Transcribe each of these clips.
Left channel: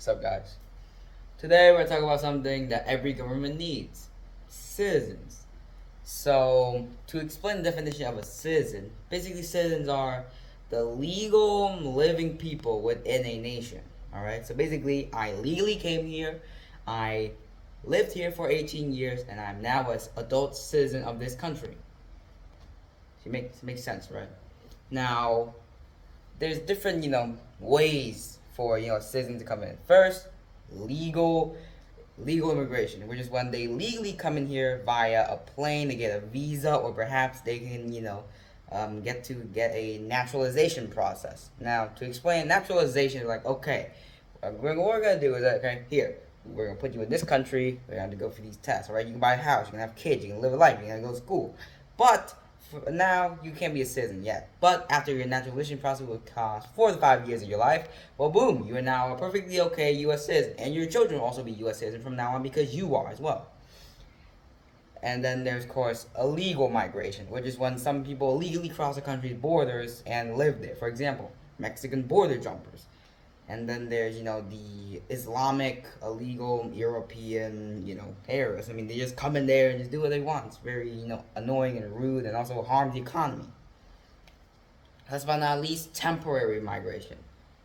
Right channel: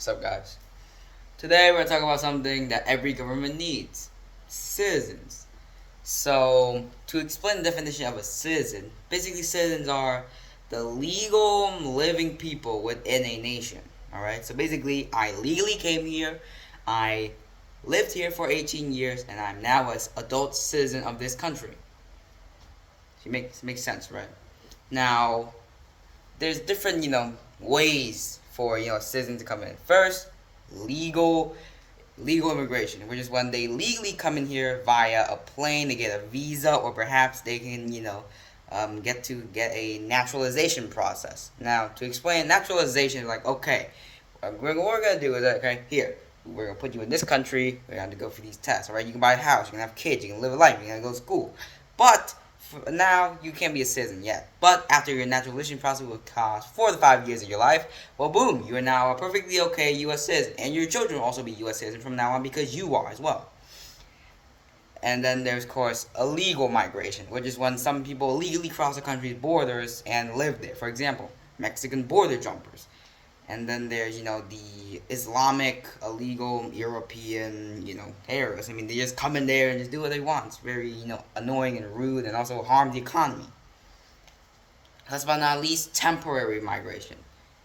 What's up, guys? Today we're talking about something that every government needs: citizens. So, to explain the definition of a citizen, basically citizens are the legal living people within a nation. Alright? So basically, I legally came here, I lived here for 18 years, and I'm now an adult citizen of this country. It makes sense, right? Now, there's different, ways for, citizens to come in. First, legal legal immigration, which is when they legally come in here via a plane, they get a visa, or perhaps they can, get a naturalization process. Now, to explain naturalization, like, okay, what we're gonna do is, okay, here, we're gonna put you in this country. We're gonna go for these tests. All right, you can buy a house, you can have kids, you can live a life, you can go to school, but for now you can't be a citizen yet. But after your naturalization process will cost 4 to 5 years of your life, well, boom, you are now a perfectly okay U.S. citizen, and your children will also be U.S. citizens from now on because you are as well. And then there's, of course, illegal migration, which is when some people illegally cross the country's borders and live there. For example, Mexican border jumpers. And then there's, the Islamic, illegal, European, terrorists. I mean, they just come in there and just do what they want. It's very, annoying and rude, and also harm the economy. Last but not least, temporary migration.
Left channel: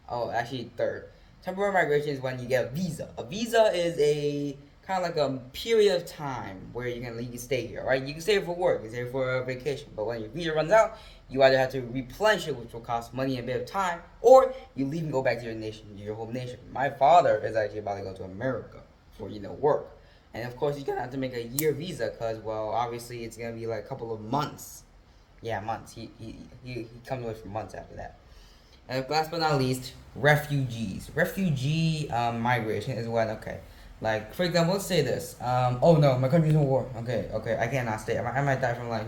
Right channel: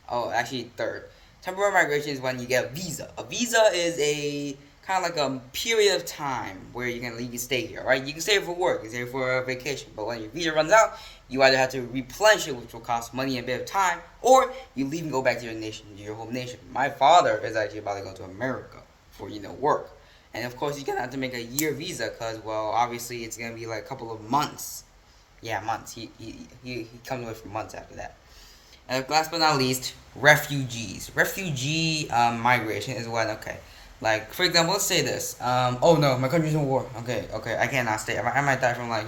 Oh, actually, third. Temporary migration is when you get a visa. A visa is a kind of like a period of time where you can legally stay here, right? You can stay here for work, you can stay here for a vacation, but when your visa runs out, you either have to replenish it, which will cost money and a bit of time, or you leave and go back to your nation, your home nation. My father is actually about to go to America for, work. And of course, he's going to have to make a year visa because, well, obviously it's going to be like a couple of months. Yeah, months. He comes away for months after that. And last but not least, refugees. Refugee migration is when, okay, like, for example, let's say this. Oh no, my country's in war. Okay, I cannot stay. I might die from, like,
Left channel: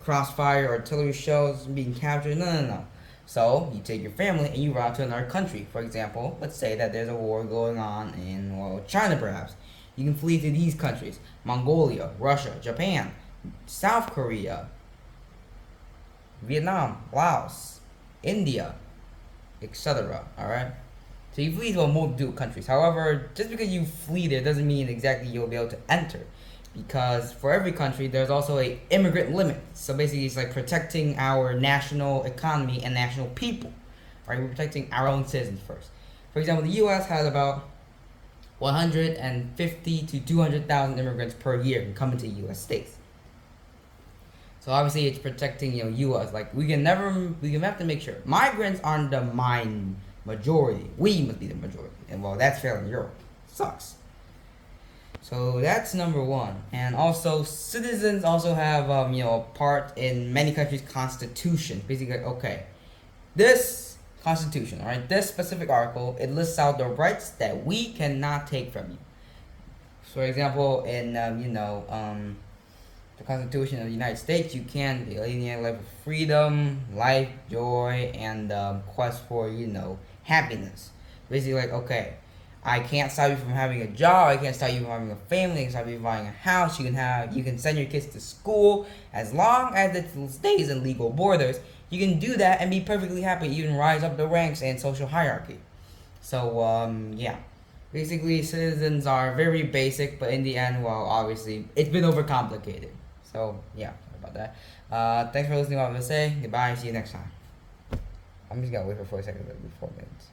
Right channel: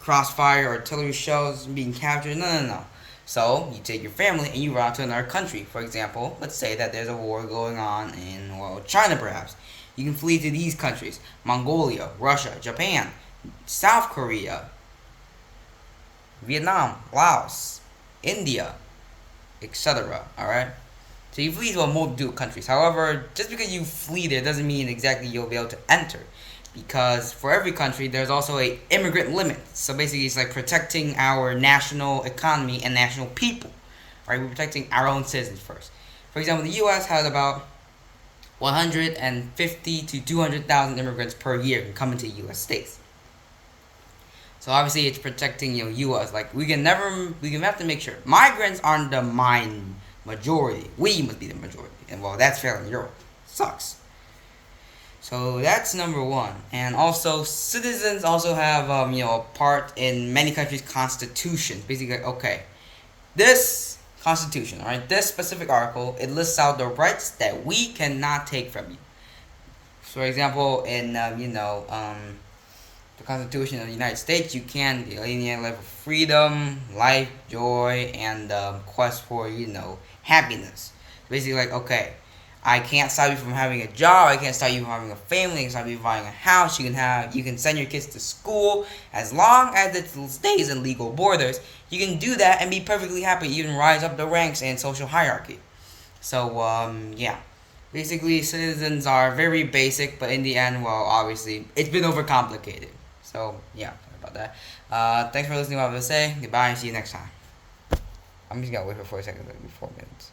crossfire or artillery shells being captured. No. So, you take your family and you run out to another country. For example, let's say that there's a war going on in, well, China perhaps. You can flee to these countries: Mongolia, Russia, Japan, South Korea, Vietnam, Laos, India, etc. Alright? So you flee to a multitude of countries. However, just because you flee there doesn't mean exactly you'll be able to enter. Because for every country, there's also a immigrant limit. So basically, it's like protecting our national economy and national people. Right? We're protecting our own citizens first. For example, the U.S. has about 150 to 200,000 immigrants per year who come into U.S. states. So obviously, it's protecting U.S. Like, we have to make sure migrants aren't the majority. We must be the majority, and well, that's failing Europe. Sucks. So that's number one. And also, citizens also have a part in many countries' constitutions. Basically, okay, this constitution, all right, this specific article, it lists out the rights that we cannot take from you. For example, in the Constitution of the United States, you can alienate life of freedom, life, joy, and quest for happiness. Basically, like, okay, I can't stop you from having a job. I can't stop you from having a family. I can stop you from buying a house. You can send your kids to school as long as it stays in legal borders. You can do that and be perfectly happy. Even rise up the ranks and social hierarchy. So yeah, basically citizens are very basic, but in the end, well, obviously it's been overcomplicated. So yeah, sorry about that. Thanks for listening to what I have to say. Goodbye. See you next time. I'm just gonna wait for 4 seconds, like 4 minutes.